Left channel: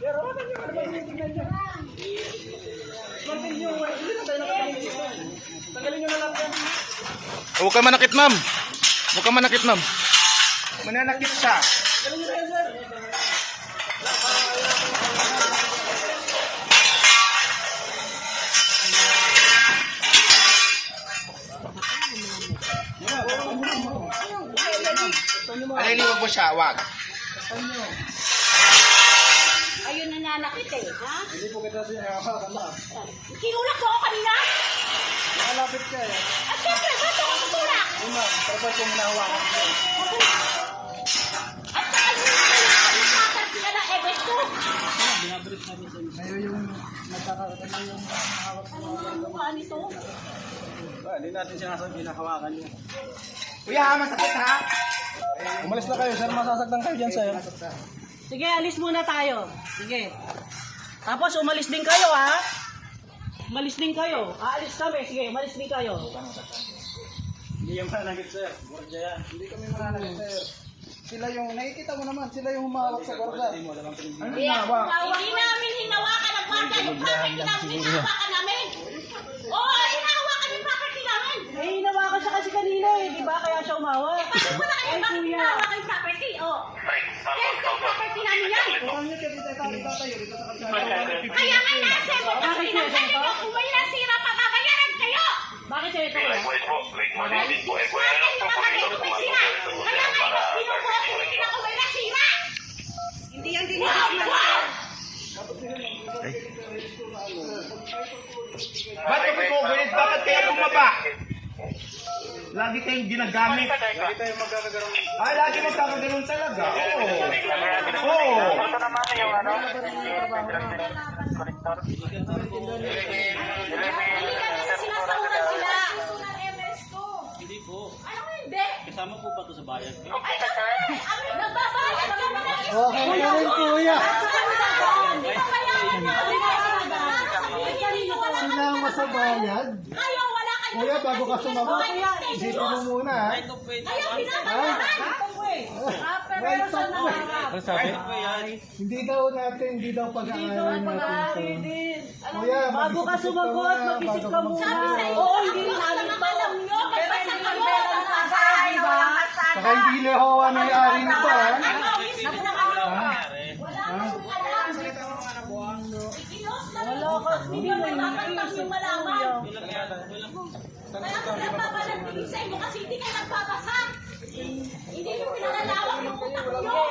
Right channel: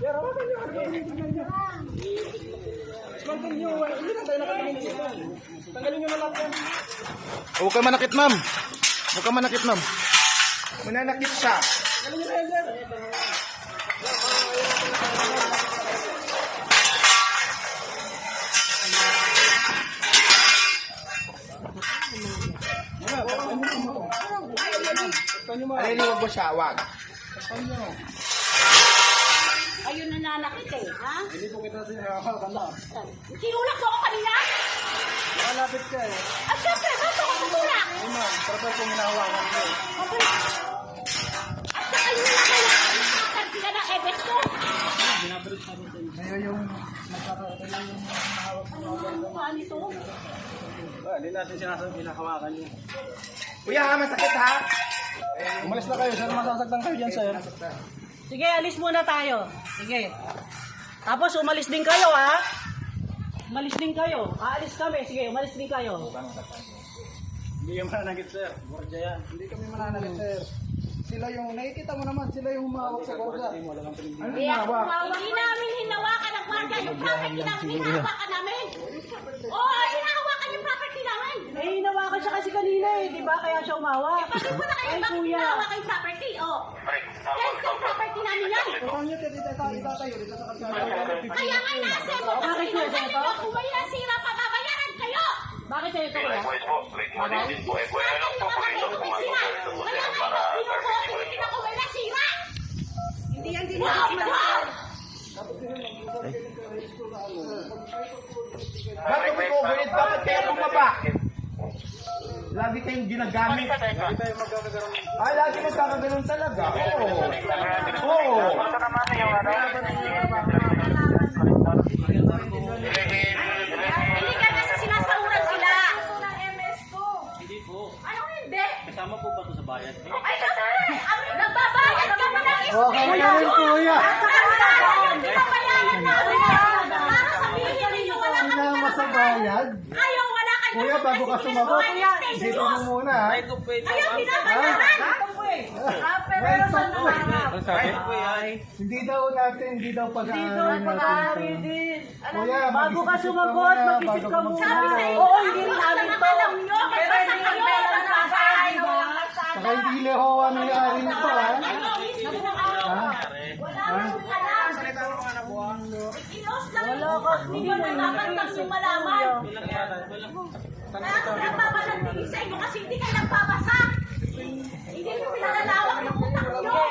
Pero wala nyo, ano ba tinitingnan nyo? Tanggalin nyo, hindi na tayo nakatanggalin ito. Tanggalin nyo na lahat yan. Huwag ka manakit, ma'am. Huwag ka manakit, ma'am. Mananakit siya. Tanggalin nyo na yan, sir. Aliliwag mo siya, wag. Ayun nananakit eh, ha? Hindi po kita siya nakakanda. Kinulak mo ako kanina? Nakalapit ka eh. At syempre, ba't ako tutulak? Ay ma'am, dapat kong hinahawakan ko. At saka yun na kayo, nagkakarti ka na ebes ko. Ngayon yung nagkakatayo yung hawak sa mga Ano mukha nito? hindi natin sinasabi pinakawakan nyo. Kuya, masakit ha? Umalis na kayo, sir. Masasaktan kayo dyan, sir. Sige, alis muna tayo. Sige. Tapos umalis din kayo, ha? Umalis din kayo. Aalis kami. Sige, umalis din kayo. Hindi yung mananakit, sir. Borja yan. Hindi kami mananakit, sir. Sila yung, nakikita mo naman, sila yung humawak sa borja. Ano humawak? Hindi namin hinawakan ang kwarta. Yung property namin, hinawakan namin. Oo, hinawakan yung property namin. Eh, hinawakan siya kasi kanina eh. Di ba? Kaya siya umawa. Bakit mo na kayo, bakit hinawakan yung property? Oh. Kaya yung property namin yan. Kung nyo kayo dito tayo, dito sa kalsada. Kaya nga nasa mo, kasi pinagkain mo, kung may nasira pa, babayaran kayo. Bakit siya ito kuya? Bakit yung mga kayo may sira? Kaya nga ito, binubuo, tinitin ako may nasira. Hindi yan din Ba't yung overhead? Bakit kaya bumaba? Lagi kayong ginagamit. Lagi tayo magkakagaroon. Lagi magkakaganon talaga. Oo. Hindi ka kasi sinasahuran sila. Hindi po. Ano hindi? Kasama po ba ito sa bayad? Ay, nagbabayad kami ng Okay na rin, kuya. Sinama sa bayad. Kayo, wala kayo. Kuya, bago ka sumagot, isipin mo muna, ha? Kayo, binabayaran. Pero saan hindi daw pag-aaral natin. Kuya, Bago ka sumagot, mag-isip ka muna. Sabi sa inyo, Oo, hindi ang namin mga to. alam nyo, magbasa kayo. saka hindi ni Hoa nangyari nito, ha? Wala ka, hindi mo nakakantang yung malaman. Kaya kung nagpapasantigin sa inyo kasi hindi kayo nagbabasa. Hindi nyo pinalalawak yung utak nyo.